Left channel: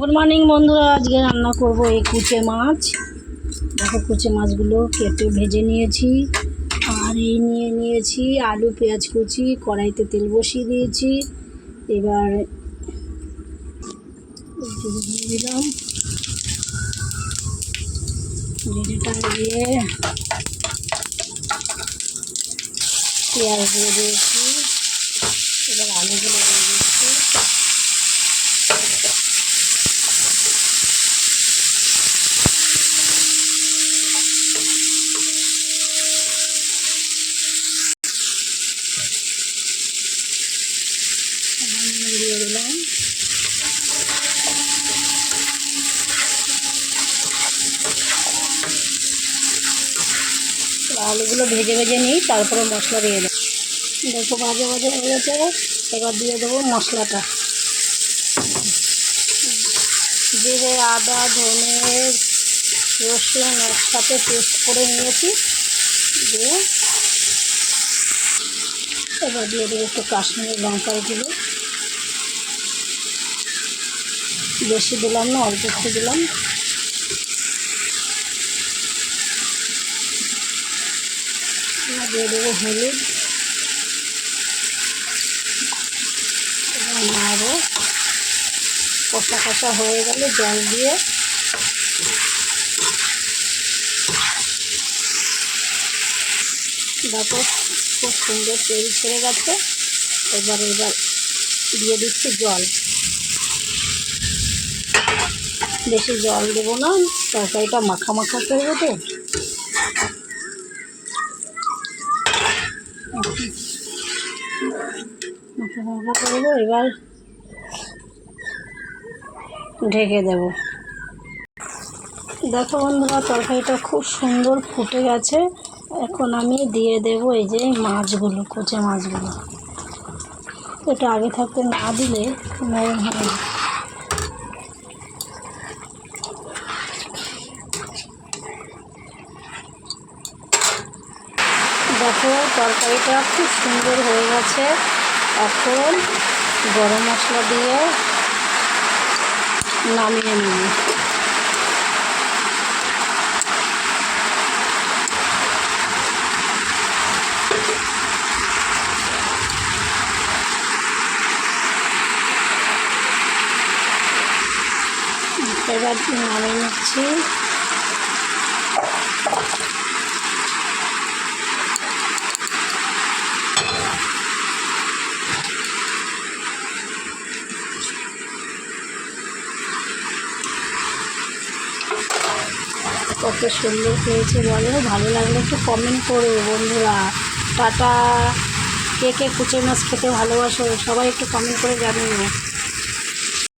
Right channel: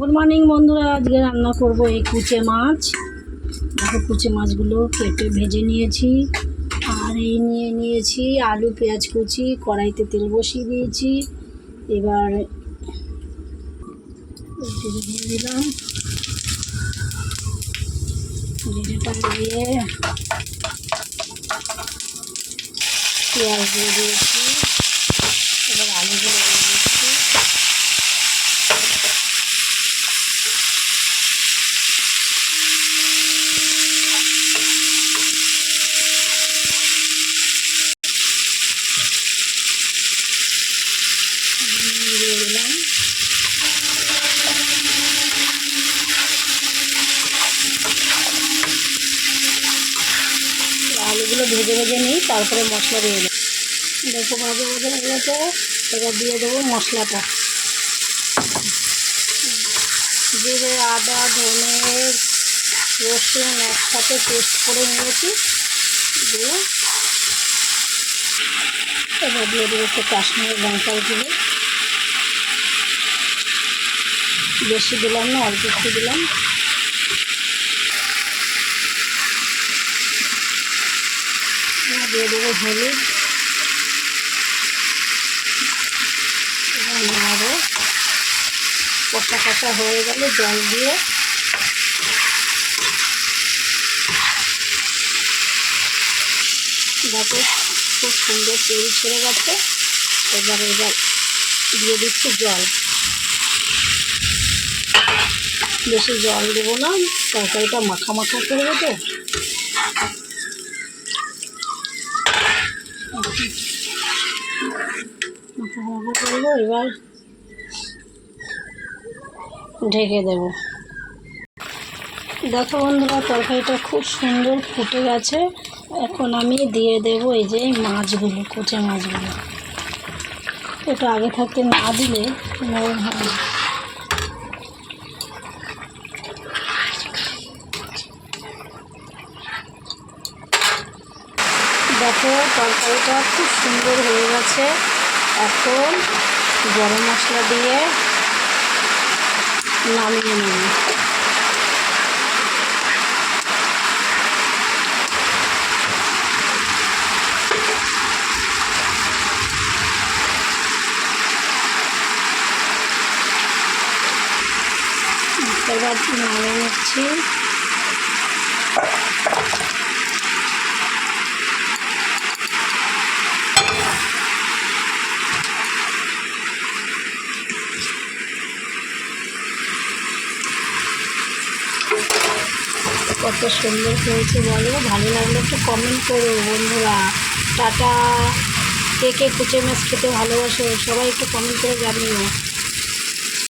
Good morning বন্ধুরা। আজকে রান্না করব এই কুচে মাছ। দেখো, কুচে মাছগুলো কেটে ভেজে নিয়েছি। আর এই নিয়ে নিয়েছি আলু, পেঁয়াজ কুচি, কড়াইতে তেল বসিয়ে দিয়েছি। এবার দিলাম। জিরেটা দিয়ে পেঁয়াজ দিয়ে দিয়েছি। এবার আলুগুলো দিয়ে দিচ্ছি দিয়ে দিলাম আলুগুলো ভেজে ভেজে নিই, তারপরে মশলা দিয়ে দেবো। দেখো ভাজা ভাজা হয়ে গেছে, এবার দিয়ে দেবো মশলাটা। জিরে, আদা, ধনে, রসুন একসাথে পেস্ট করে নিয়েছি। দিয়ে এবার দিয়ে দেবো একটু কাশ্মীরি লঙ্কার গুঁড়ো। বেশি দিলাম না, অল্প একটু দিলাম। দিয়ে দেবো হলুদ। এবার নাড়বো কষা কষা হয়ে গেলে জল দিয়ে দেখো খুব সুন্দর তেল ছেড়ে গেছে। এবার এবার দিয়ে দিচ্ছি জল। বেশি জল দেবো না, তরকারিটা মাখা মাখা করব তো। করব এবার ঢেকে দেব। দেখো বন্ধুরা, তরকারিটা খুব সুন্দর ফুটে গেছে। এখন আমি দিয়ে দেব এই যে মাছগুলো, কচে মাছগুলো। এটা আগে থাকতে না দিলে নরম হবে দেখো, তরকারিটা খুব সুন্দর হয়ে গেছে। এখন গরম মশলা দিয়ে নামিয়ে নেব। এবার নামিয়ে নিচ্ছি। কত সুন্দর হয়েছে বলো? ভালো লাগলে একটু কমেন্ট করো বন্ধুরা। টাটা। কে কে কুচে মাছ খেতে ভালোবাসো, সবাই একটু কমেন্ট করে জানিও।